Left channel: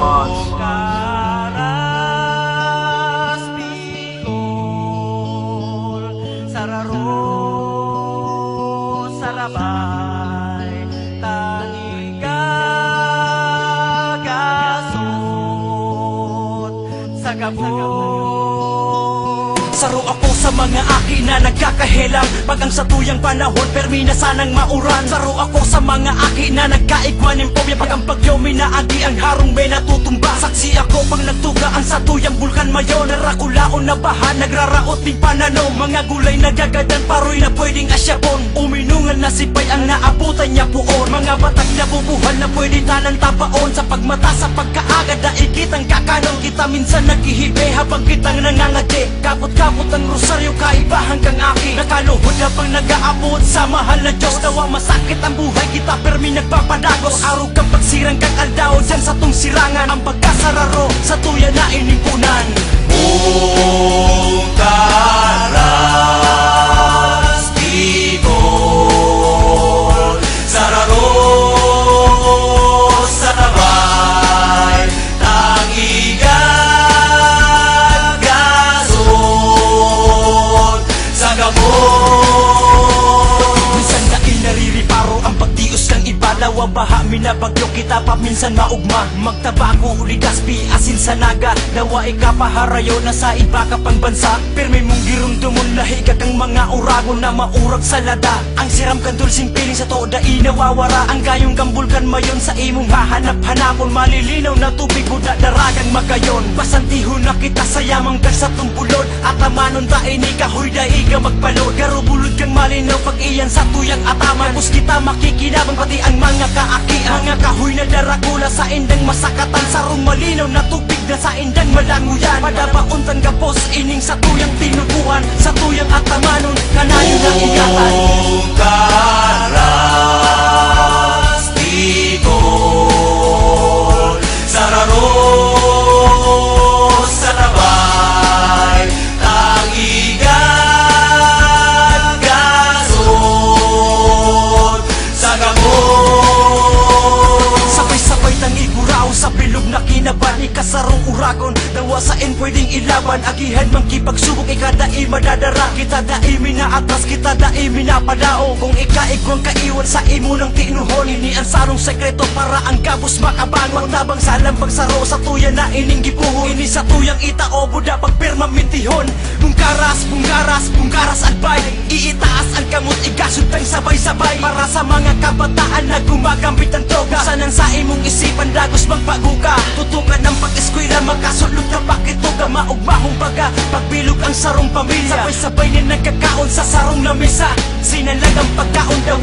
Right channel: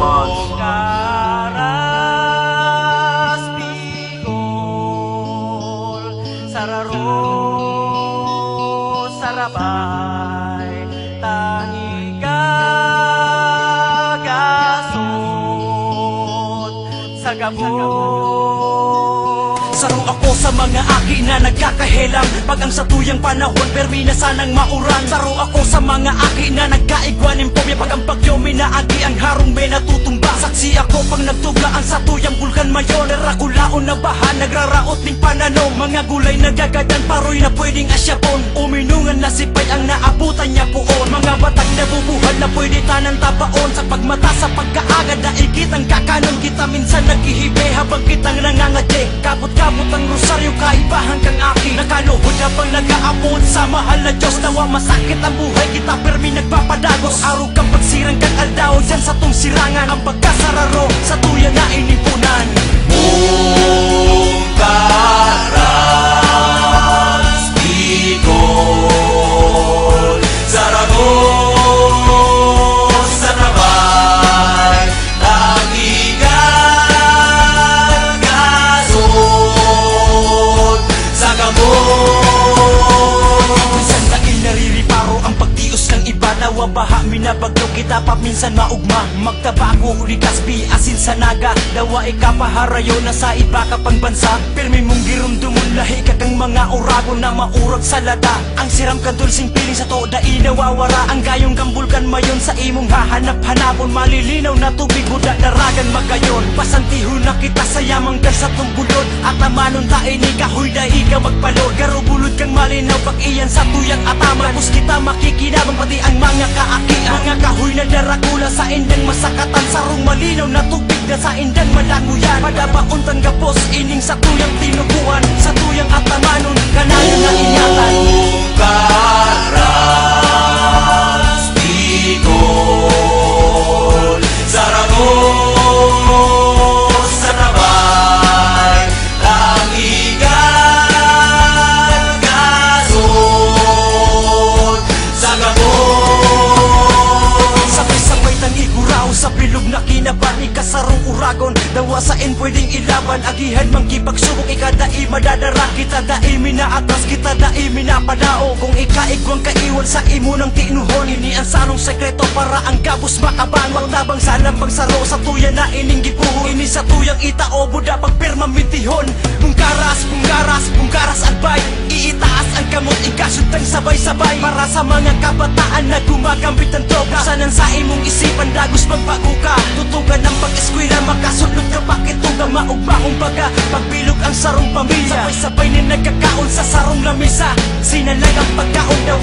Karas Bicol, Sararo, Sarabay, Tangigagasot, Sagabon. Saro ako sa mga aki na nagkakahelang, pag ang sa tuyang panahon permi na sanang mauran. Saro ako sa mga aki na nagkaigwanin pomya, pag ang bagyo minaagi ang harong be natutumba. Saksi ako pag nagtuga ang sa tuyang bulkan mayon, narakulaon na baha nagraraot ni pananong. Mga gulay nagagadan paroy na pwedeng asyapon, uminungan na sipay ang naabutan niya poon. Mga batang nabubuhan na pwede tanan tabaon, sa pagmata sa pagkaagad na ikitang kakanong. Kita minsan naghihibe habang kitang nangangati, kapot-kapot ang rosaryo kaibahan kang aki. Nakaluhod habang nag-aabot sa mahal na Diyos, nawang masakit ang buhay kita permi nagpapadagos. Araw kang pagsirang kang aldao dyan sa tong sirangan, ang pagkasararo sa tuya na inipunan. Karas Bicol, Sararo, Sarabay, Tangigagasot, Sagabon. Minsan na inaririparo ang pagtios ng iba, nawang baha minabagyo kita paminsan maugma. Magtabako uli kaspi asin sa naga, nawa ikapaharayo na sa iba ka pang bansa. Pirmi mong girumdumon lahi ka kang mga uragon na maurag sa lada. Ang siram kadulsing piling sa toda inawawara, ang gayong gambulkan mayon sa imong hahanap-hanapon. Malilinaw na tubig buda daragang magayon, pasantihon na kita sa yamang ka sa tumpulod. At amanon ta ini kahoy da iga magpalod, garubulod kang malinaw pag iyan sa tuyang ataman. Pus kita makikinabang pati ang mga kaakian, mga kahoy na darakula sa indang masakatan. Sarong malinaw na tubig na sa indang malaguyan, padabaon tang gapos ining sa tuyang tinubuhan, sa tuyang atamanon kanalo na ingatan. Karas Bicol, Sararo, Sarabay, Tangigagasot, Sagabon. Sabay-sabay nang iguraw sa bilog na kinaban, ikasarong uragon nawa sa in pwedeng ilaban. Agihan mang kipagsubok ikadai madadara, kita dai minaatras, kita dai minapadao. Kung ikaigwang kaiwan sa imo ng tinuhon, ini ang salong sekreto para ang kabus makabangon. Tabang salang pagsaro sa tuya na ining gipuhon, ini sa tuyang itao buda pagpirma mitihon. Punggaras agbay, iitaas ang kamot ikasuntang sabay-sabay, para sa mga kabataan na gumagambit ang droga. Sanang sa imong isipan dagos magpaguka, tutugan ang pag-eskwela makasulog na pakituga. Maugmahong baga pagbilog ang sarong pamilya, sabay-sabay na nagkakaon sa sarong na misa. Sinalag ang pagkaon daw